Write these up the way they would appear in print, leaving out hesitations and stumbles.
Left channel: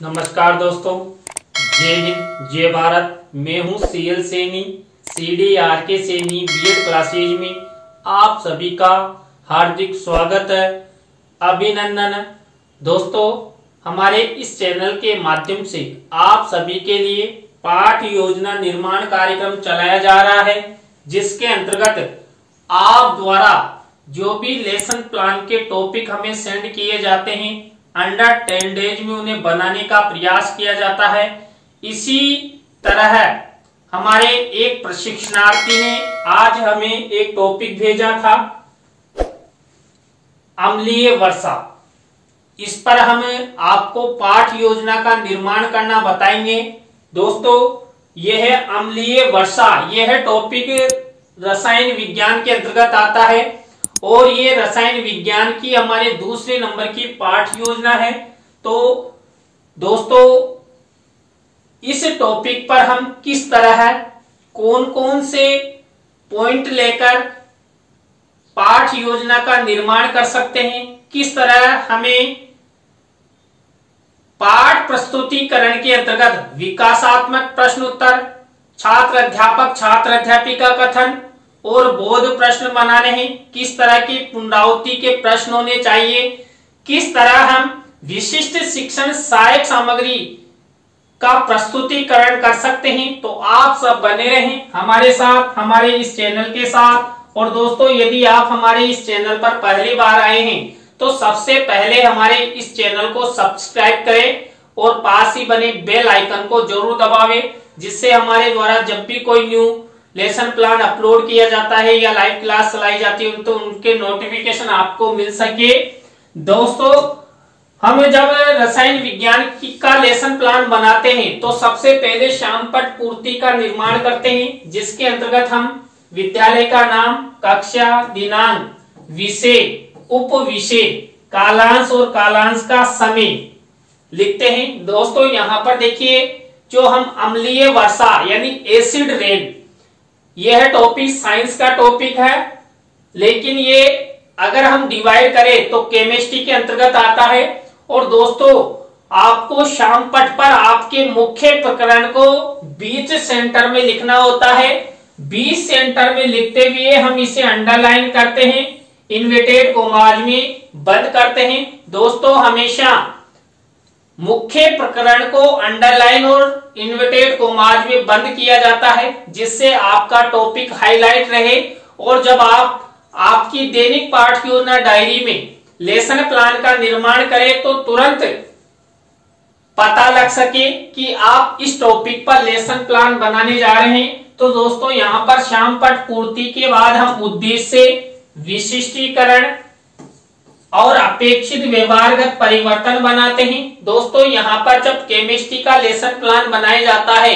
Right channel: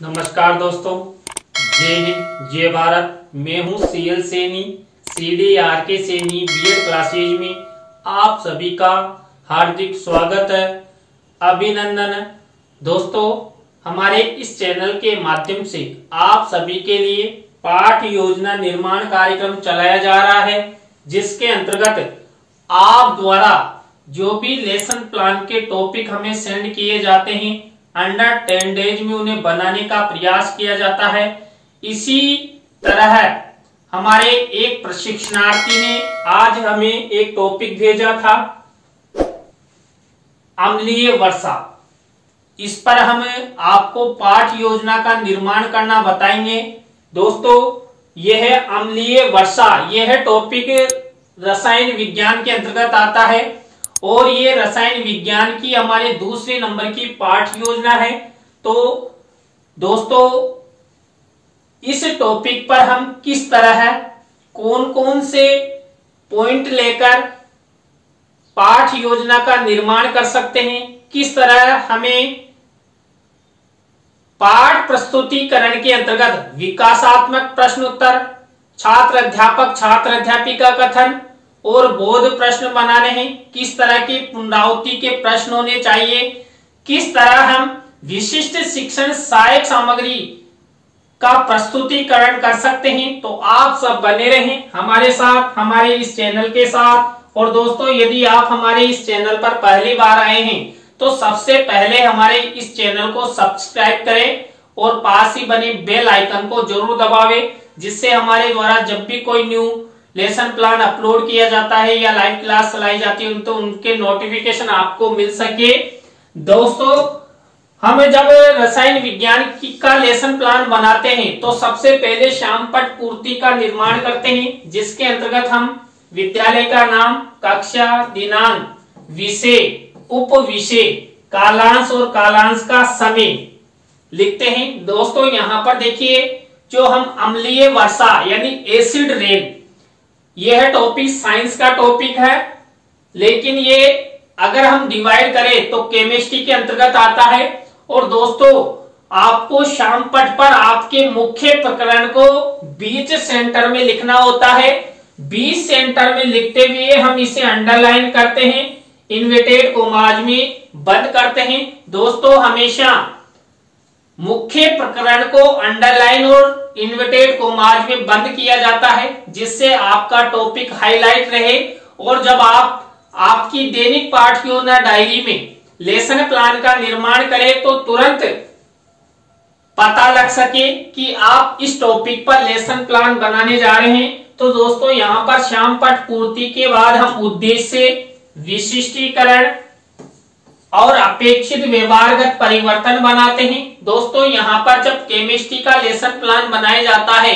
नमस्कार दोस्तों, जय हिंद जय भारत। मैं हूं CL Saini, CDRK Saini BEd classes में आप सभी का हार्दिक स्वागत है, अभिनंदन है। दोस्तों, हमारे इस चैनल के माध्यम से आप सभी के लिए पाठ योजना निर्माण कार्यक्रम चलाया जा रहा है, जिसके अंतर्गत आप द्वारा जो भी लेसन प्लान के टॉपिक हमें सेंड किए जाते हैं, अंडर 10 डेज में उन्हें बनाने का प्रयास किया जाता है। इसी तरह हमारे एक प्रशिक्षणार्थी ने आज हमें एक टॉपिक भेजा था, अम्लीय वर्षा। इस पर हमें आपको पाठ योजना का निर्माण करना बताएंगे। दोस्तों, यह अम्लीय वर्षा, यह टॉपिक रसायन विज्ञान के अंतर्गत आता है और ये रसायन विज्ञान की हमारे दूसरे नंबर की पाठ योजना है। तो दोस्तों, इस टॉपिक पर हम किस तरह कौन कौन से पॉइंट लेकर पाठ योजना का निर्माण कर सकते हैं, किस तरह हमें पाठ प्रस्तुतिकरण के अंतर्गत विकासात्मक प्रश्न उत्तर, छात्र अध्यापक छात्र अध्यापिका का कथन और बोध प्रश्न बनाने हैं, किस तरह की पुनरावृत्ति के प्रश्न होने चाहिए, किस तरह हम विशिष्ट शिक्षण सहायक सामग्री का प्रस्तुतिकरण कर सकते हैं। तो आप सब बने रहें हमारे साथ, हमारे इस चैनल के साथ। और दोस्तों, यदि आप हमारे इस चैनल पर पहली बार आए हैं तो सबसे पहले हमारे इस चैनल को सब्सक्राइब करें और पास ही बने बेल आइकन को जरूर दबावें, जिससे हमारे द्वारा जब भी कोई न्यू लेसन प्लान अपलोड किया जाता है या लाइव क्लास चलाई जाती है तो उनके नोटिफिकेशन आपको मिल सके। दोस्तों, हम जब रसायन विज्ञान का लेसन प्लान बनाते हैं तो सबसे पहले श्यामपट्ट पूर्ति का निर्माण करते हैं, जिसके अंतर्गत हम विद्यालय का नाम, कक्षा, दिनांक, विषय, उप विषय, कालांश और कालांश का समय लिखते हैं। दोस्तों, यहाँ पर देखिए, जो हम अम्लीय वर्षा यानी एसिड रेन, यह टॉपिक साइंस का टॉपिक है, लेकिन ये अगर हम डिवाइड करें तो केमिस्ट्री के अंतर्गत आता है। और दोस्तों, आपको श्यामपट्ट पर आपके मुख्य प्रकरण को बीच सेंटर में लिखना होता है। बीच सेंटर में लिखते हुए हम इसे अंडरलाइन करते हैं, इन्वर्टेड कॉमास में बंद करते हैं। दोस्तों, हमेशा मुख्य प्रकरण को अंडरलाइन और इन्वर्टेड कॉमास में बंद किया जाता है, जिससे आपका टॉपिक हाईलाइट रहे और जब आप आपकी दैनिक पाठ योजना डायरी में लेसन प्लान का निर्माण करें तो तुरंत पता लग सके कि आप इस टॉपिक पर लेसन प्लान बनाने जा रहे हैं। तो दोस्तों, यहाँ पर श्यामपट्ट पूर्ति के बाद हम उद्देश्य, विशिष्टीकरण और अपेक्षित व्यवहारगत परिवर्तन बनाते हैं। दोस्तों, यहाँ पर जब केमिस्ट्री का लेसन प्लान बनाया जाता है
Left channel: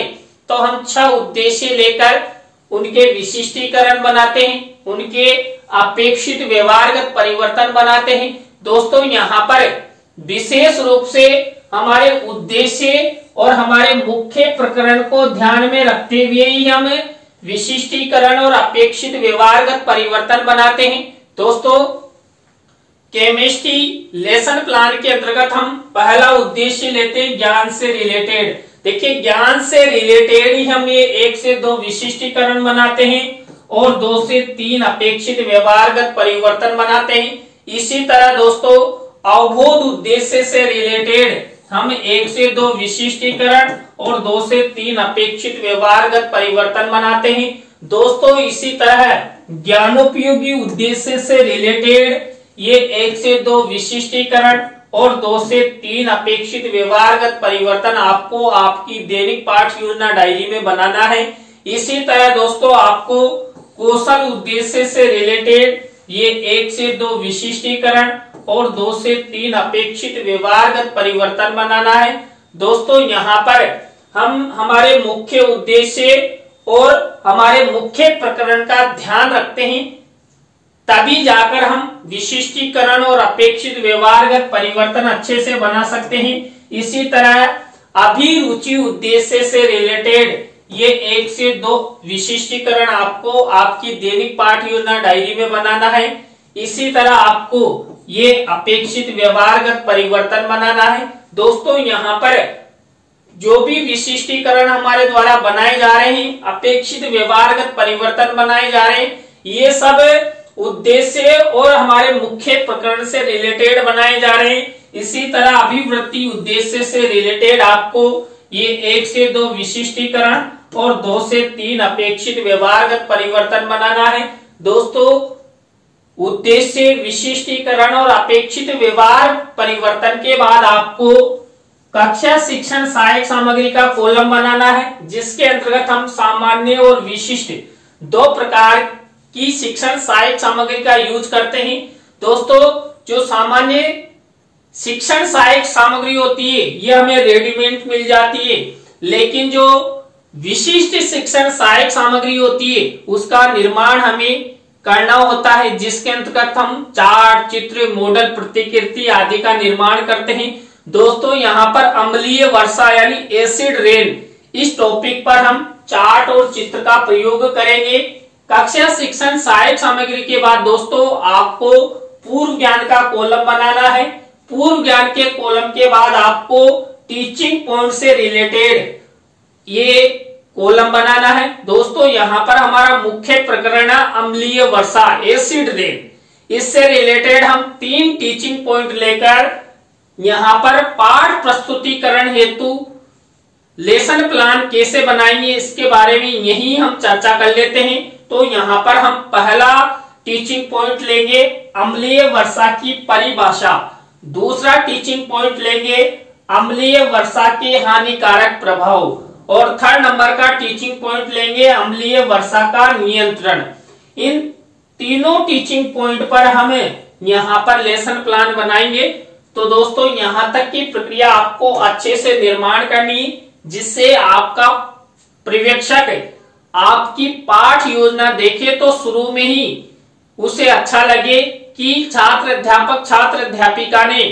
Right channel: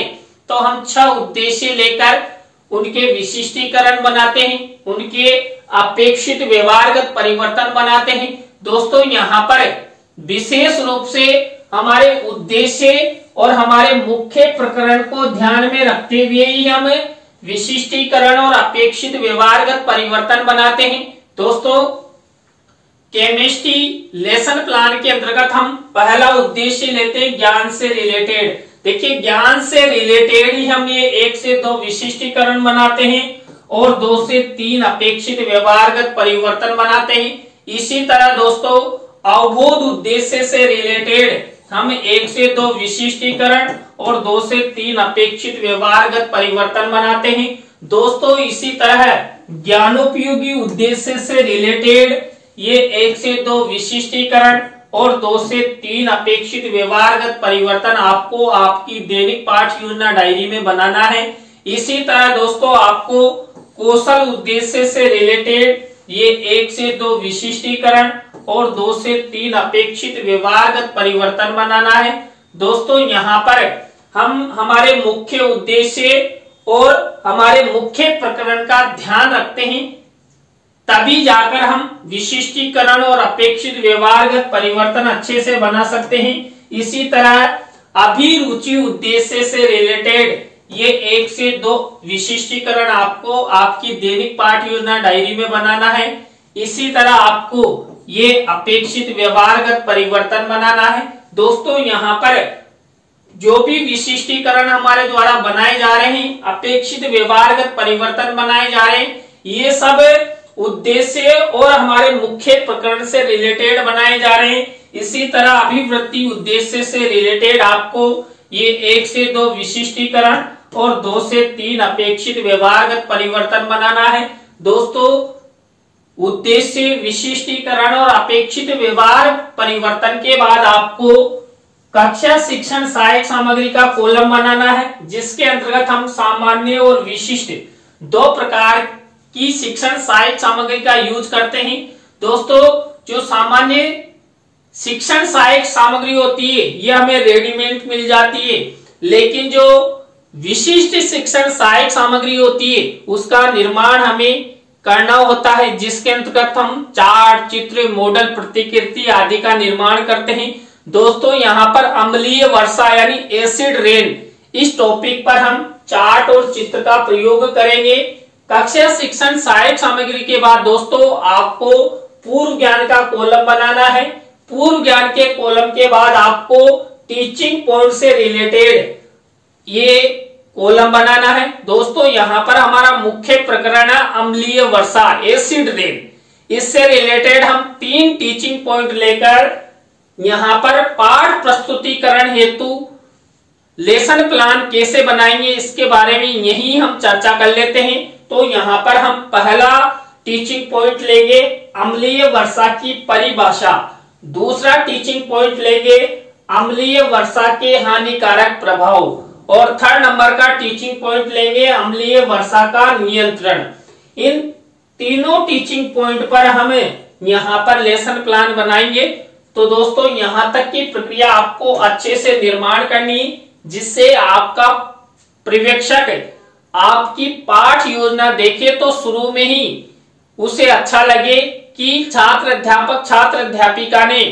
तो हम 6 उद्देश्य लेकर उनके विशिष्टीकरण बनाते हैं, उनके अपेक्षित व्यवहारगत परिवर्तन बनाते हैं। दोस्तों, यहाँ पर विशेष रूप से हमारे उद्देश्य और हमारे मुख्य प्रकरण को ध्यान में रखते हुए ही हम विशिष्टीकरण और अपेक्षित व्यवहारगत परिवर्तन बनाते हैं। दोस्तों, केमिस्ट्री लेसन प्लान के अंतर्गत हम पहला उद्देश्य लेते हैं ज्ञान से रिलेटेड। देखिए, ज्ञान से रिलेटेड ही हम ये 1 से 2 विशिष्टीकरण बनाते हैं और 2 से 3 अपेक्षित व्यवहारगत परिवर्तन बनाते हैं। इसी तरह दोस्तों, अवबोध उद्देश्य से रिलेटेड हम 1 से 2 विशिष्टीकरण और 2 से 3 अपेक्षित व्यवहारगत परिवर्तन बनाते हैं। दोस्तों, इसी तरह ज्ञानोपयोगी उद्देश्य से रिलेटेड ये 1 से 2 विशिष्टीकरण और 2 से 3 अपेक्षित व्यवहारगत परिवर्तन आपको आपकी दैनिक पाठ योजना डायरी में बनाना है। इसी तरह दोस्तों, आपको कौशल उद्देश्य से रिलेटेड ये 1 से 2 विशिष्टीकरण और 2 से 3 अपेक्षित व्यवहारगत परिवर्तन बनाना है। दोस्तों, यहाँ पर हम हमारे मुख्य उद्देश्य और हमारे मुख्य प्रकरण का ध्यान रखते हैं, तभी जाकर हम विशिष्टीकरण और अपेक्षित व्यवहारगत परिवर्तन अच्छे से बना सकते हैं। इसी तरह अभिरुचि उद्देश्य से रिलेटेड ये 1 से 2 विशिष्टीकरण आपको आपकी दैनिक पाठ योजना डायरी में बनाना है। इसी तरह आपको ये अपेक्षित व्यवहारगत परिवर्तन बनाना है। दोस्तों यहाँ पर जो भी विशिष्टीकरण हमारे द्वारा बनाए जा रहे हैं, अपेक्षित व्यवहारगत परिवर्तन बनाए जा रहे हैं, ये सब उद्देश्य और हमारे मुख्य प्रकरण से रिलेटेड बनाए जा रहे हैं। इसी तरह अभिवृत्ति उद्देश्य से रिलेटेड आपको ये 1 से 2 विशिष्टीकरण और 2 से 3 अपेक्षित व्यवहारगत परिवर्तन बनाना है। दोस्तों उद्देश्य, विशिष्टीकरण और अपेक्षित व्यवहार परिवर्तन के बाद आपको कक्षा शिक्षण सहायक सामग्री का कॉलम बनाना है, जिसके अंतर्गत हम सामान्य और विशिष्ट 2 प्रकार की शिक्षण सहायक सामग्री का यूज करते हैं। दोस्तों जो सामान्य शिक्षण सहायक सामग्री होती है ये हमें रेडीमेड मिल जाती है, लेकिन जो विशिष्ट शिक्षण सहायक सामग्री होती है उसका निर्माण हमें करना होता है, जिसके अंतर्गत हम चार्ट, चित्र, मॉडल, प्रतिकृति आदि का निर्माण करते हैं। दोस्तों यहाँ पर अम्लीय वर्षा यानी एसिड रेन, इस टॉपिक पर हम चार्ट और चित्र का प्रयोग करेंगे। कक्षा शिक्षण सहायक सामग्री के बाद दोस्तों आपको पूर्व ज्ञान का कॉलम बनाना है। पूर्व ज्ञान के कॉलम के बाद आपको टीचिंग पॉइंट से रिलेटेड ये कॉलम बनाना है। दोस्तों यहाँ पर हमारा मुख्य प्रकरण है अम्लीय वर्षा, एसिड रेन। इससे रिलेटेड हम 3 टीचिंग पॉइंट लेकर यहाँ पर पाठ प्रस्तुतिकरण हेतु लेसन प्लान कैसे बनाएंगे इसके बारे में यही हम चर्चा कर लेते हैं। तो यहाँ पर हम पहला टीचिंग पॉइंट लेंगे अम्लीय वर्षा की परिभाषा, दूसरा टीचिंग पॉइंट लेंगे अम्लीय वर्षा के हानिकारक प्रभाव, और 3rd नंबर का टीचिंग पॉइंट लेंगे अम्लीय वर्षा का नियंत्रण। इन तीनों टीचिंग पॉइंट पर हमें यहाँ पर लेसन प्लान बनाएंगे। तो दोस्तों यहाँ तक की प्रक्रिया आपको अच्छे से निर्माण करनी है, जिससे आपका पर्यवेक्षक आपकी पाठ योजना देखे तो शुरू में ही उसे अच्छा लगे कि छात्र अध्यापक, छात्र अध्यापिका ने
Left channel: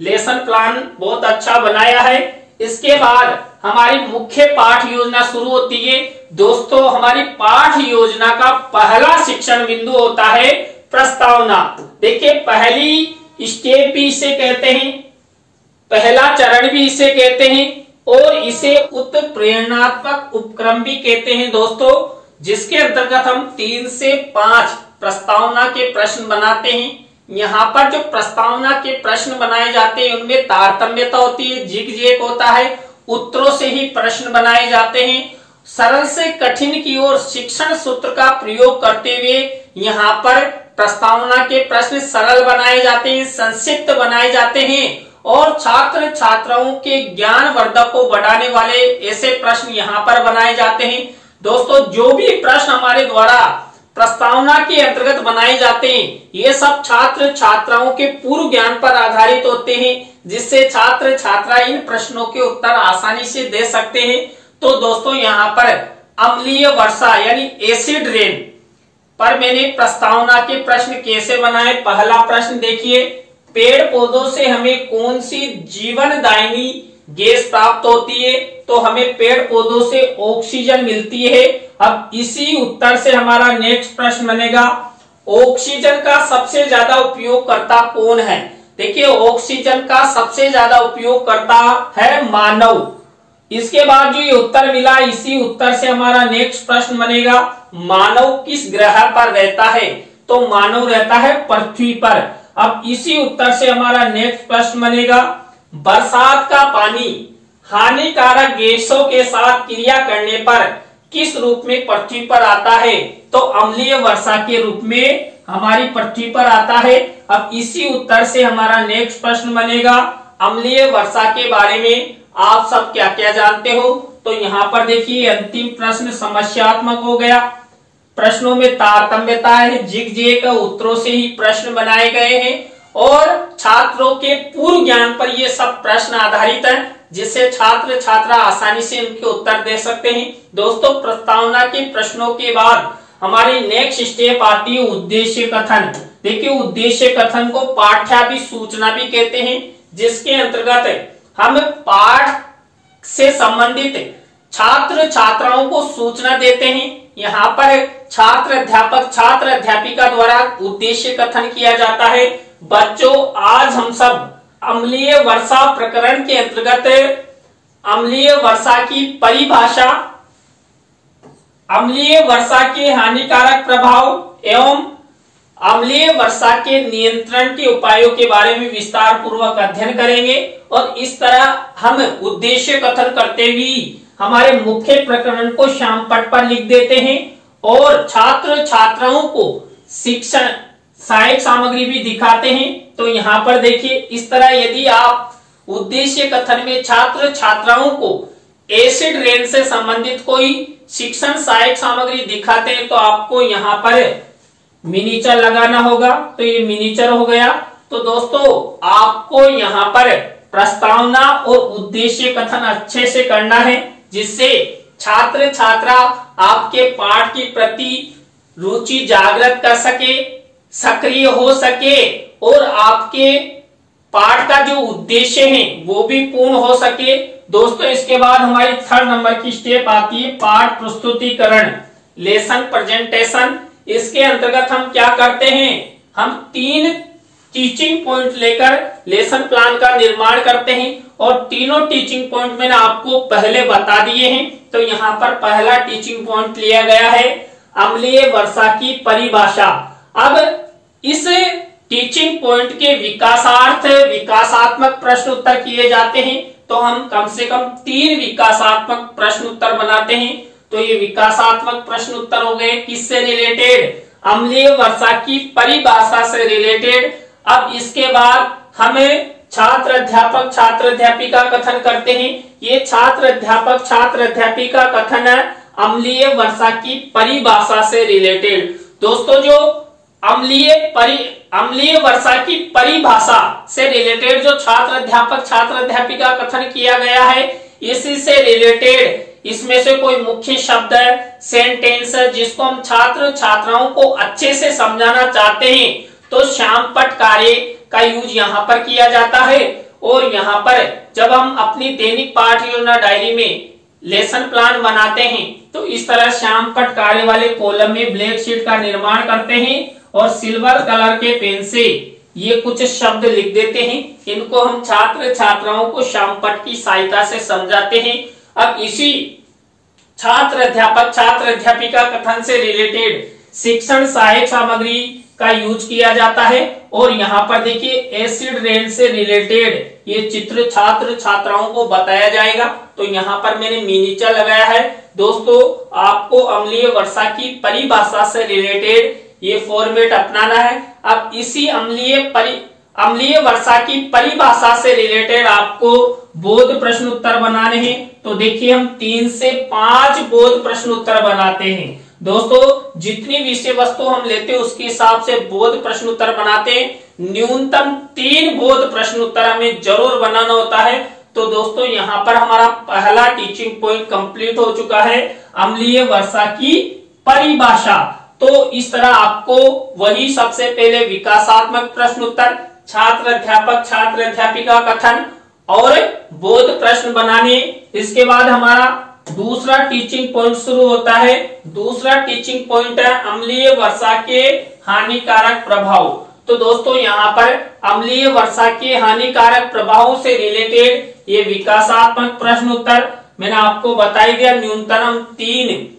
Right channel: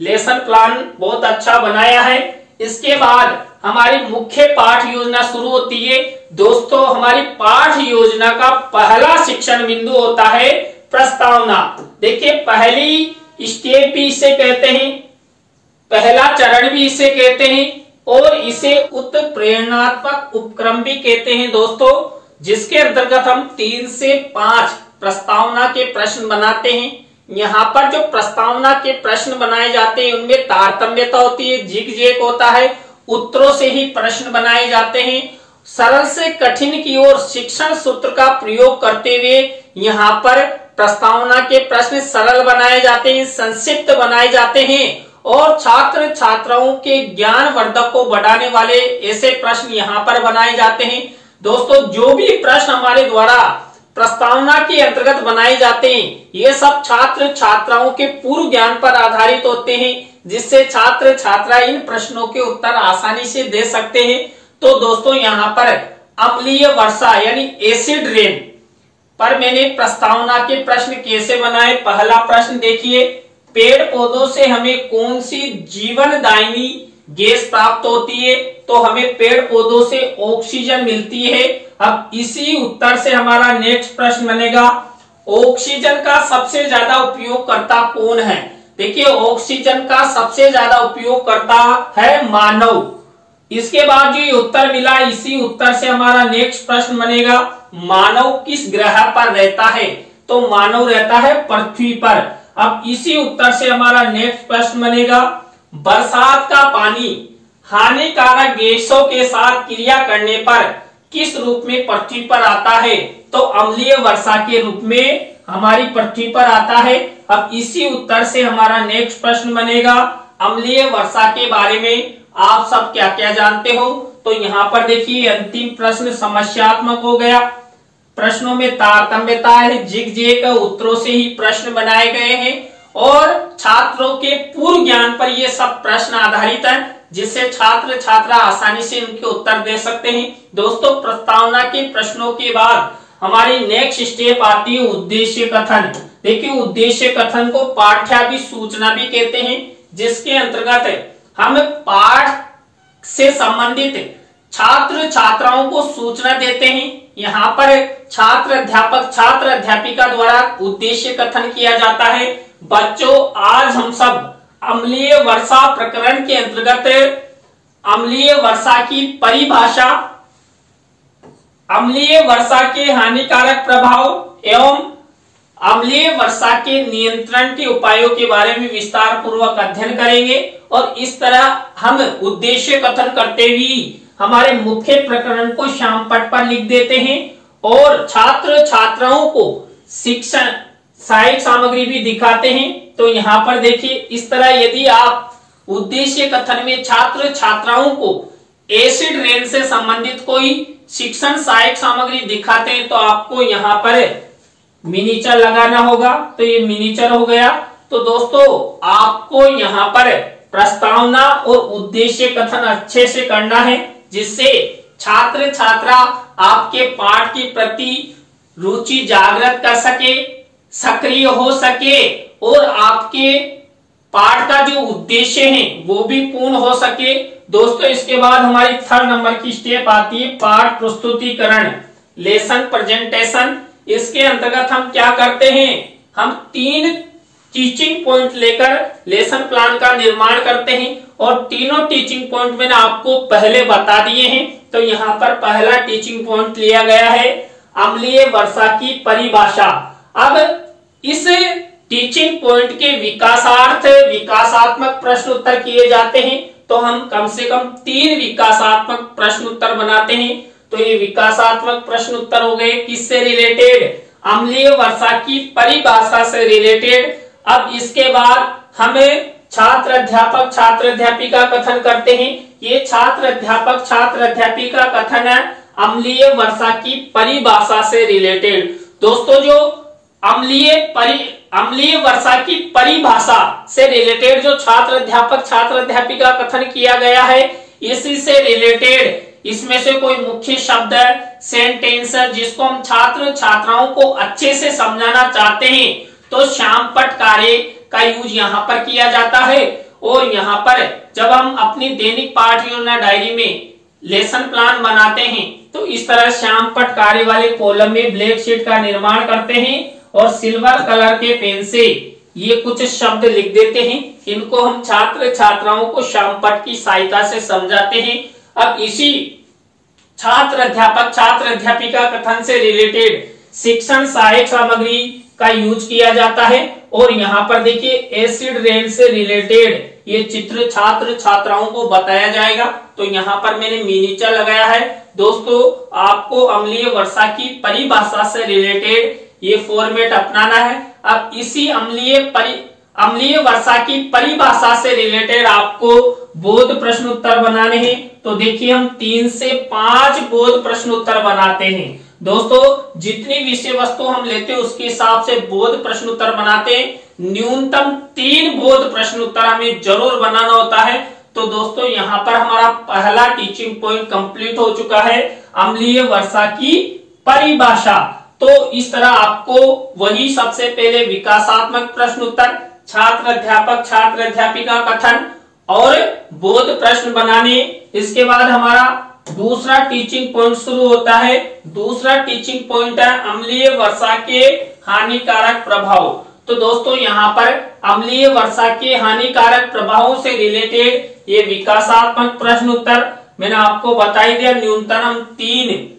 लेसन प्लान बहुत अच्छा बनाया है। इसके बाद हमारी मुख्य पाठ योजना शुरू होती है। दोस्तों हमारी पाठ योजना का पहला शिक्षण बिंदु होता है प्रस्तावना। देखिए पहली स्टेप भी इसे कहते हैं, पहला चरण भी इसे कहते हैं, और इसे उत्प्रेरणात्मक उपक्रम भी कहते हैं दोस्तों, जिसके अंतर्गत हम 3 से 5 प्रस्तावना के प्रश्न बनाते हैं। यहाँ पर जो प्रस्तावना के प्रश्न बनाए जाते हैं उनमें तारतम्यता होती है, जिग-जैग होता है, उत्तरों से ही प्रश्न बनाए जाते हैं। सरल से कठिन की ओर शिक्षण सूत्र का प्रयोग करते हुए यहाँ पर प्रस्तावना के प्रश्न सरल बनाए जाते हैं, संक्षिप्त बनाए जाते हैं, और छात्र छात्राओं के ज्ञान वर्धक को बढ़ाने वाले ऐसे प्रश्न यहाँ पर बनाए जाते हैं। दोस्तों जो भी प्रश्न हमारे द्वारा प्रस्तावना के अंतर्गत बनाए जाते हैं ये सब छात्र छात्राओं के पूर्व ज्ञान पर आधारित होते हैं, जिससे छात्र छात्रा इन प्रश्नों के उत्तर आसानी से दे सकते हैं। तो दोस्तों यहाँ पर अम्लीय वर्षा यानी एसिड रेन पर मैंने प्रस्तावना के प्रश्न कैसे बनाए। पहला प्रश्न देखिए, पेड़ पौधों से हमें कौन सी जीवनदायिनी गैस प्राप्त होती है? तो हमें पेड़ पौधों से ऑक्सीजन मिलती है। अब इसी उत्तर से हमारा नेक्स्ट प्रश्न बनेगा, ऑक्सीजन का सबसे ज्यादा उपयोगकर्ता कौन है? देखिए ऑक्सीजन का सबसे ज्यादा उपयोगकर्ता है मानव। इसके बाद जो ये उत्तर मिला, इसी उत्तर से हमारा नेक्स्ट प्रश्न बनेगा, मानव किस ग्रह पर रहता है? तो मानव रहता है पृथ्वी पर। अब इसी उत्तर से हमारा नेक्स्ट प्रश्न बनेगा, बरसात का पानी हानिकारक गैसों के साथ क्रिया करने पर किस रूप में पृथ्वी पर आता है? तो अम्लीय वर्षा के रूप में हमारी पृथ्वी पर आता है। अब इसी उत्तर से हमारा नेक्स्ट प्रश्न बनेगा, अम्लीय वर्षा के बारे में आप सब क्या क्या जानते हो? तो यहाँ पर देखिए अंतिम प्रश्न समस्यात्मक हो गया, प्रश्नों में तारतम्यता है, जिग-जैग उत्तरों से ही प्रश्न बनाए गए हैं, और छात्रों के पूर्व ज्ञान पर ये सब प्रश्न आधारित हैं, जिससे छात्र छात्रा आसानी से उनके उत्तर दे सकते हैं। दोस्तों प्रस्तावना के प्रश्नों के बाद हमारी नेक्स्ट स्टेप आती है उद्देश्य कथन। देखिए उद्देश्य कथन को पाठ्याभिसूचना भी कहते हैं, जिसके अंतर्गत हम पाठ से संबंधित छात्र छात्राओं को सूचना देते हैं। यहाँ पर छात्र अध्यापक छात्र अध्यापिका द्वारा उद्देश्य कथन किया जाता है। बच्चों, आज हम सब अम्लीय वर्षा प्रकरण के अंतर्गत अम्लीय वर्षा की परिभाषा, अम्लीय वर्षा के हानिकारक प्रभाव एवं अम्लीय वर्षा के नियंत्रण के उपायों के बारे में विस्तार पूर्वक अध्ययन करेंगे। और इस तरह हम उद्देश्य कथन करते हुए हमारे मुख्य प्रकरण को श्यामपट्ट पर लिख देते हैं और छात्र छात्राओं को शिक्षण सहायक सामग्री भी दिखाते हैं। तो यहाँ पर देखिए, इस तरह यदि आप उद्देश्य कथन में छात्र छात्राओं को एसिड रेन से संबंधित कोई शिक्षण सहायक सामग्री दिखाते हैं तो आपको यहाँ पर मिनीचर लगाना होगा। तो ये मिनीचर हो गया। तो दोस्तों, आपको यहाँ पर प्रस्तावना और उद्देश्य कथन अच्छे से करना है, जिससे छात्र छात्रा आपके पाठ के प्रति रुचि जागृत कर सके, सक्रिय हो सके और आपके पाठ का जो उद्देश्य है वो भी पूर्ण हो सके। दोस्तों, इसके बाद हमारी 3rd नंबर की स्टेप आती है पाठ प्रस्तुतिकरण, लेसन प्रेजेंटेशन। इसके अंतर्गत हम क्या करते हैं, हम 3 टीचिंग पॉइंट लेकर लेसन प्लान का निर्माण करते हैं और तीनों टीचिंग पॉइंट मैंने आपको पहले बता दिए हैं। तो यहाँ पर पहला टीचिंग पॉइंट लिया गया है अम्लीय वर्षा की परिभाषा। अब इस टीचिंग पॉइंट के विकासार्थ विकासात्मक प्रश्न उत्तर किए जाते हैं। तो हम कम से कम 3 विकासात्मक प्रश्न उत्तर बनाते हैं। तो ये विकासात्मक प्रश्न उत्तर हो गए किससे रिलेटेड, अम्लीय वर्षा की परिभाषा से रिलेटेड। अब इसके बाद हमें छात्र अध्यापक छात्र अध्यापिका कथन करते हैं। ये छात्र अध्यापक छात्र अध्यापिका कथन है अम्लीय वर्षा की परिभाषा से रिलेटेड। दोस्तों, जो अम्लीय वर्षा की परिभाषा से रिलेटेड जो छात्र अध्यापक छात्र अध्यापिका कथन किया गया है, इसी से रिलेटेड इसमें से कोई मुख्य शब्द है, सेंटेंस है, जिसको हम छात्र छात्राओं को अच्छे से समझाना चाहते हैं तो श्यामपट्ट कार्य का यूज यहाँ पर किया जाता है। और यहाँ पर जब हम अपनी दैनिक पाठ योजना डायरी में लेसन प्लान बनाते हैं तो इस तरह श्यामपट्ट कार्य वाले कॉलम में ब्लैक शीट का निर्माण करते हैं और सिल्वर कलर के पेन से ये कुछ शब्द लिख देते हैं। इनको हम छात्र छात्राओं को श्यामपट्ट की सहायता से समझाते हैं। अब इसी छात्र अध्यापक छात्र अध्यापिका कथन से रिलेटेड शिक्षण सहायक सामग्री का यूज किया जाता है। और यहाँ पर देखिए, एसिड रेन से रिलेटेड ये चित्र छात्र छात्राओं को बताया जाएगा। तो यहाँ पर मैंने मिनीचर लगाया है। दोस्तों, आपको अम्लीय वर्षा की परिभाषा से रिलेटेड ये फॉर्मेट अपनाना है। अब इसी अम्लीय वर्षा की परिभाषा से रिलेटेड आपको बोध प्रश्न उत्तर बनाने हैं। तो देखिए, हम 3 से 5 बोध प्रश्न उत्तर बनाते हैं। दोस्तों, जितनी विषय वस्तु हम लेते हैं उसके हिसाब से बोध प्रश्न उत्तर बनाते हैं। न्यूनतम 3 बोध प्रश्न उत्तर हमें जरूर बनाना होता है। तो दोस्तों, यहाँ पर हमारा पहला टीचिंग पॉइंट कंप्लीट हो चुका है, अम्लीय वर्षा की परिभाषा। तो इस तरह आपको वही सबसे पहले विकासात्मक प्रश्न उत्तर, छात्र अध्यापक छात्र अध्यापिका कथन और बोध प्रश्न बनाने। इसके बाद हमारा दूसरा टीचिंग पॉइंट शुरू होता है। दूसरा टीचिंग पॉइंट है अम्लीय वर्षा के हानिकारक प्रभाव। तो दोस्तों, यहाँ पर अम्लीय वर्षा के हानिकारक प्रभावों से रिलेटेड ये विकासात्मक प्रश्न उत्तर मैंने आपको बता ही दिया। न्यूनतम 3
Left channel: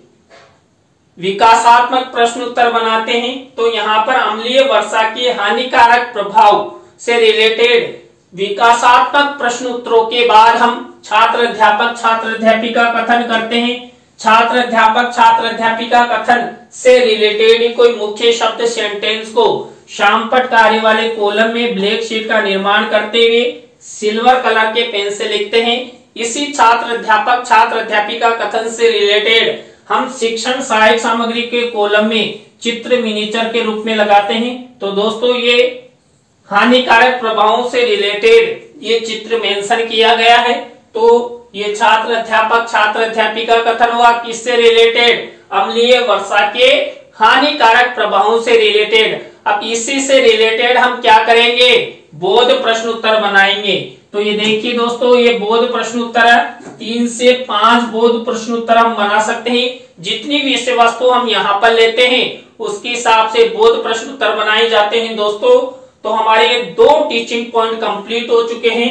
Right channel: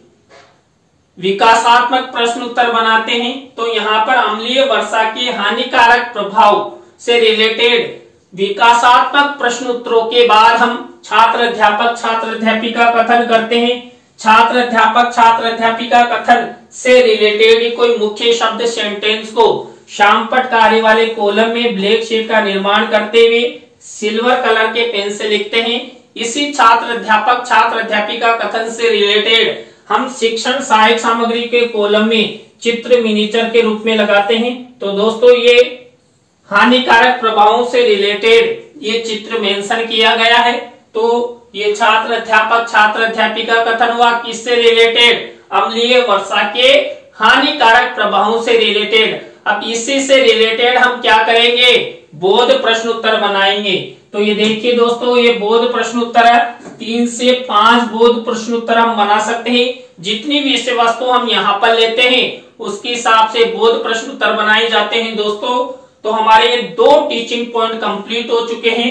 विकासात्मक प्रश्न उत्तर बनाते हैं। तो यहाँ पर अम्लीय वर्षा के हानिकारक प्रभाव से रिलेटेड विकासात्मक प्रश्न उत्तरों के बाद हम छात्र अध्यापक छात्र अध्यापिका कथन करते हैं। छात्र अध्यापक छात्र अध्यापिका कथन से रिलेटेड कोई मुख्य शब्द सेंटेंस को श्यामपट्ट कार्य वाले कॉलम में ब्लैक शीट का निर्माण करते हुए सिल्वर कलर के पेन से लिखते हैं। इसी छात्र अध्यापक छात्र अध्यापिका कथन से रिलेटेड हम शिक्षण सहायक सामग्री के कॉलम में चित्र मिनीचर के रूप में लगाते हैं। तो दोस्तों, ये हानिकारक प्रभावों से रिलेटेड ये चित्र मेंशन किया गया है। तो ये छात्र अध्यापक छात्र अध्यापिका कथन हुआ किससे रिलेटेड, अम्लीय वर्षा के हानिकारक प्रभावों से रिलेटेड। अब इसी से रिलेटेड हम क्या करेंगे, बोध प्रश्न उत्तर बनाएंगे। तो ये देखिए दोस्तों, ये बोध प्रश्न उत्तर है। 3 से 5 बोध प्रश्न उत्तर हम बना सकते हैं। जितनी भी विषय वस्तु हम यहाँ पर लेते हैं उसके हिसाब से बोध प्रश्न उत्तर बनाए जाते हैं। दोस्तों, तो हमारे ये 2 टीचिंग पॉइंट कंप्लीट हो चुके हैं।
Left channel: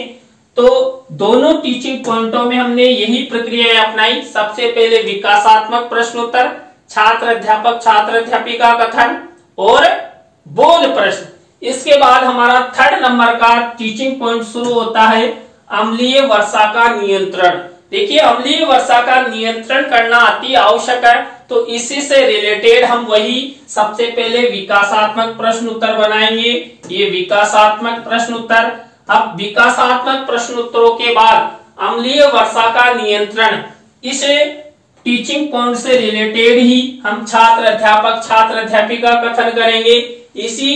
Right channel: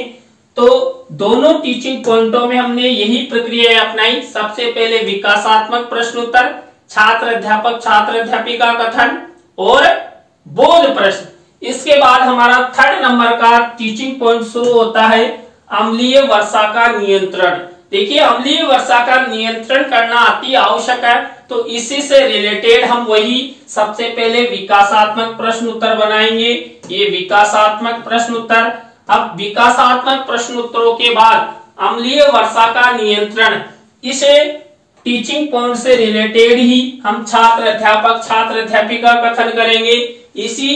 तो दोनों टीचिंग पॉइंटों में हमने यही प्रक्रिया अपनाई। सबसे पहले विकासात्मक प्रश्नोत्तर, छात्र अध्यापक छात्र अध्यापिका कथन और बोध प्रश्न। इसके बाद हमारा 3rd नंबर का टीचिंग पॉइंट शुरू होता है अम्लीय वर्षा का नियंत्रण। देखिए, अम्लीय वर्षा का नियंत्रण करना अति आवश्यक है, तो इसी से रिलेटेड हम वही सबसे पहले विकासात्मक प्रश्न उत्तर बनाएंगे। ये विकासात्मक प्रश्न उत्तर। अब विकासात्मक प्रश्न उत्तरों के बाद अम्लीय वर्षा का नियंत्रण, इसे टीचिंग पॉइंट से रिलेटेड ही हम छात्र अध्यापक छात्र अध्यापिका कथन करेंगे। इसी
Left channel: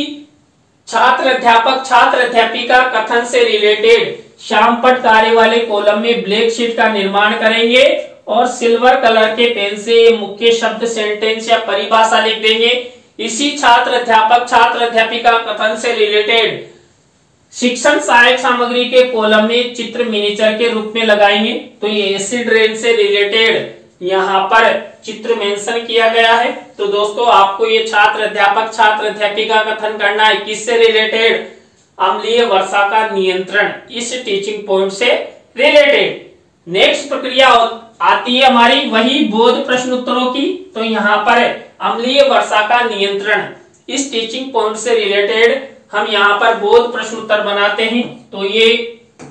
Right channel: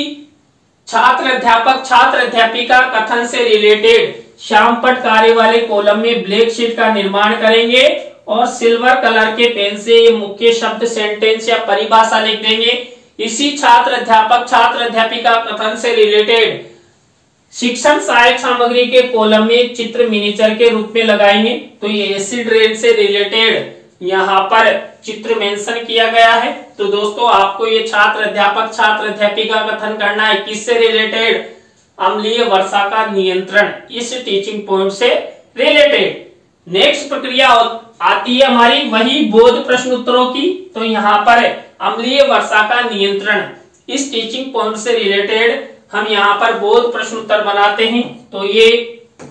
छात्र अध्यापक छात्र अध्यापिका कथन से रिलेटेड श्यामपट्ट कार्य वाले कॉलम में ब्लैक शीट का निर्माण करेंगे और सिल्वर कलर के पेन से मुख्य शब्द, सेंटेंस या परिभाषा लिख देंगे। इसी छात्र अध्यापक छात्र अध्यापिका कथन से रिलेटेड शिक्षण सहायक सामग्री के कॉलम में चित्र मिनीचर के रूप में लगाएंगे। तो ये एसिड रेन से रिलेटेड यहाँ पर चित्र मेंशन किया गया है। तो दोस्तों, आपको ये छात्र अध्यापक छात्र अध्यापिका कथन करना है किससे रिलेटेड? अम्लीय वर्षा का नियंत्रण, इस टीचिंग पॉइंट से रिलेटेड। नेक्स्ट प्रक्रिया आती है हमारी वही बोध प्रश्न उत्तरों की। तो यहाँ पर अम्लीय वर्षा का नियंत्रण, इस टीचिंग पॉइंट से रिलेटेड हम यहाँ पर बोध प्रश्न उत्तर बनाते हैं। तो ये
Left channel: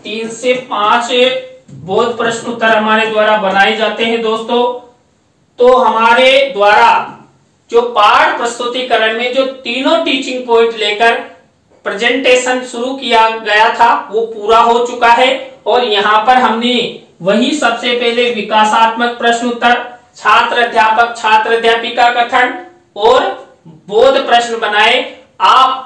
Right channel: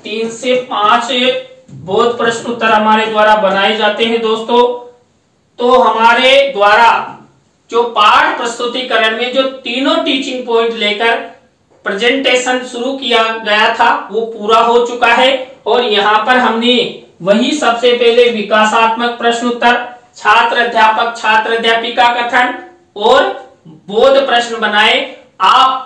3 से 5 बोध प्रश्न उत्तर हमारे द्वारा बनाए जाते हैं दोस्तों। तो हमारे द्वारा जो पाठ प्रस्तुतिकरण में जो तीनों टीचिंग पॉइंट लेकर प्रेजेंटेशन शुरू किया गया था वो पूरा हो चुका है। और यहाँ पर हमने वही सबसे पहले विकासात्मक प्रश्न उत्तर, छात्र अध्यापक छात्र अध्यापिका कथन और बोध प्रश्न बनाए। आप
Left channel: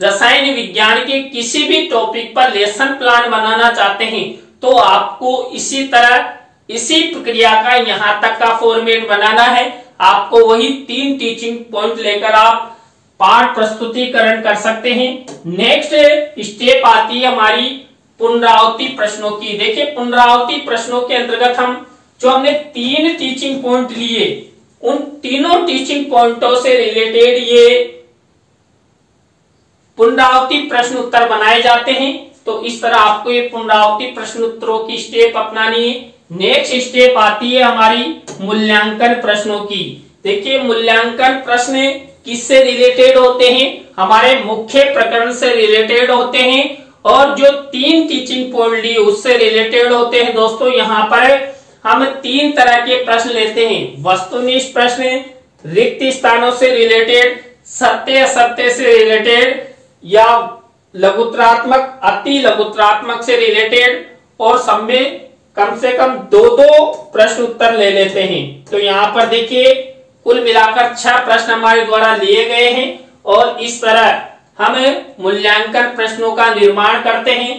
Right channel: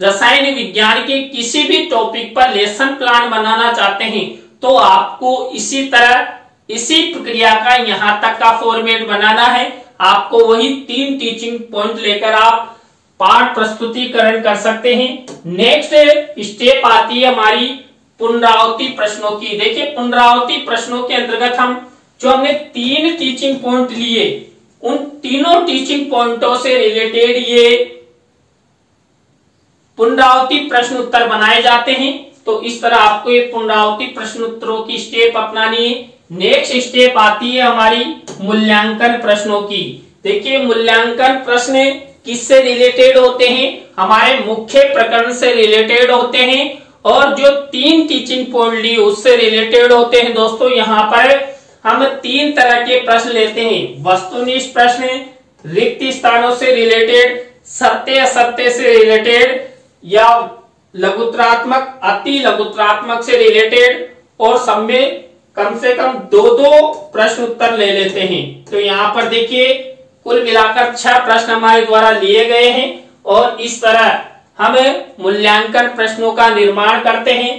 रसायन विज्ञान के किसी भी टॉपिक पर लेसन प्लान बनाना चाहते हैं तो आपको इसी तरह इसी प्रक्रिया का यहाँ तक का फॉर्मेट बनाना है। आपको वही 3 टीचिंग पॉइंट लेकर आप पाठ प्रस्तुतिकरण कर सकते हैं। नेक्स्ट स्टेप आती है हमारी पुनरावृत्ति प्रश्नों की। देखिए, पुनरावृत्ति प्रश्नों के अंतर्गत हम जो हमने 3 टीचिंग पॉइंट लिए, उन तीनों टीचिंग पॉइंटों से रिलेटेड ये पुनरावृत्ति प्रश्न उत्तर बनाए जाते हैं। तो इस तरह आपको ये पुनरावृत्ति प्रश्न उत्तरों की स्टेप अपनानी है। नेक्स्ट स्टेप आती है हमारी मूल्यांकन प्रश्नों की। देखिए, मूल्यांकन प्रश्न किससे रिलेटेड होते हैं? हमारे मुख्य प्रकरण से रिलेटेड होते हैं और जो 3 टीचिंग पॉइंट लिए उससे रिलेटेड होते हैं। दोस्तों, यहाँ पर हम 3 तरह के प्रश्न लेते हैं। वस्तुनिष्ठ प्रश्न, रिक्त स्थानों से रिलेटेड, सत्य असत्य से रिलेटेड या लघुत्रात्मक अति लघुत्रात्मक से रिलेटेड, और सब में कम से कम 2-2 प्रश्न उत्तर ले लेते हैं। तो यहाँ पर देखिए, कुल मिलाकर 6 प्रश्न हमारे द्वारा लिए गए हैं और इस तरह हम मूल्यांकन प्रश्नों का निर्माण करते हैं।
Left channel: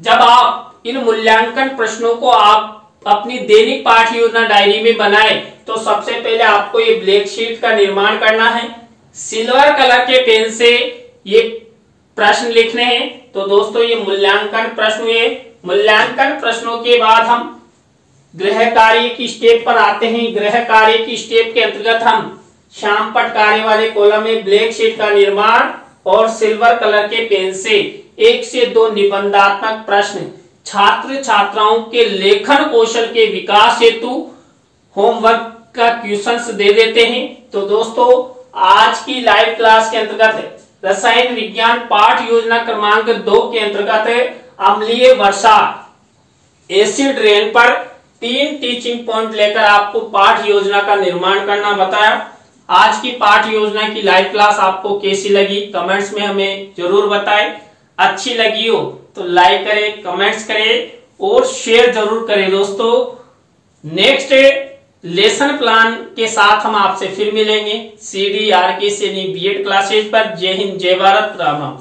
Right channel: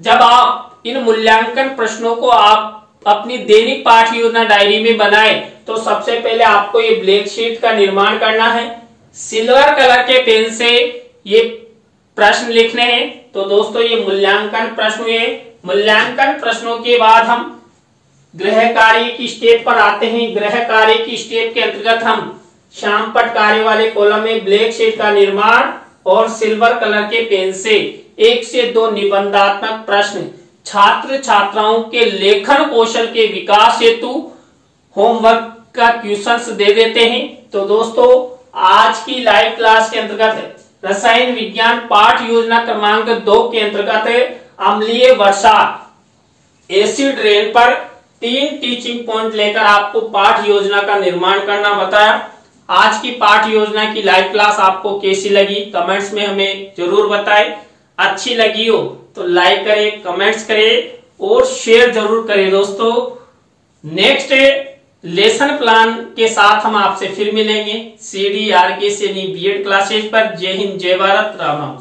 जब आप इन मूल्यांकन प्रश्नों को आप अपनी दैनिक पाठ योजना डायरी में बनाए तो सबसे पहले आपको ये ब्लैक शीट का निर्माण करना है। सिल्वर कलर के पेन से ये प्रश्न लिखने हैं। तो दोस्तों, ये मूल्यांकन प्रश्न हुए। मूल्यांकन प्रश्नों के बाद हम गृह कार्य की स्टेप पर आते हैं। गृह कार्य की स्टेप के अंतर्गत हम श्यामपट्ट कार्य वाले कॉलम में ब्लैक शीट का निर्माण और सिल्वर कलर के पेन से 1 से 2 निबंधात्मक प्रश्न छात्र छात्राओं के लेखन कौशल के विकास हेतु होमवर्क का क्वेश्चंस दे देते हैं। तो दोस्तों, आज की लाइव क्लास के अंतर्गत रसायन विज्ञान पाठ योजना क्रमांक 2 के अंतर्गत अम्लीय वर्षा एसिड रेन पर 3 टीचिंग पॉइंट लेकर आपको पाठ योजना का निर्माण करना बताया। आज की पाठ योजना की लाइव क्लास आपको कैसी लगी कमेंट्स में हमें जरूर बताएं। अच्छी लगी हो तो लाइक करें, कमेंट्स करें और शेयर जरूर करें। दोस्तों, नेक्स्ट लेसन प्लान के साथ हम आपसे फिर मिलेंगे CDRK सैनी BEd क्लासेज पर। जय हिंद, जय भारत, राम राम।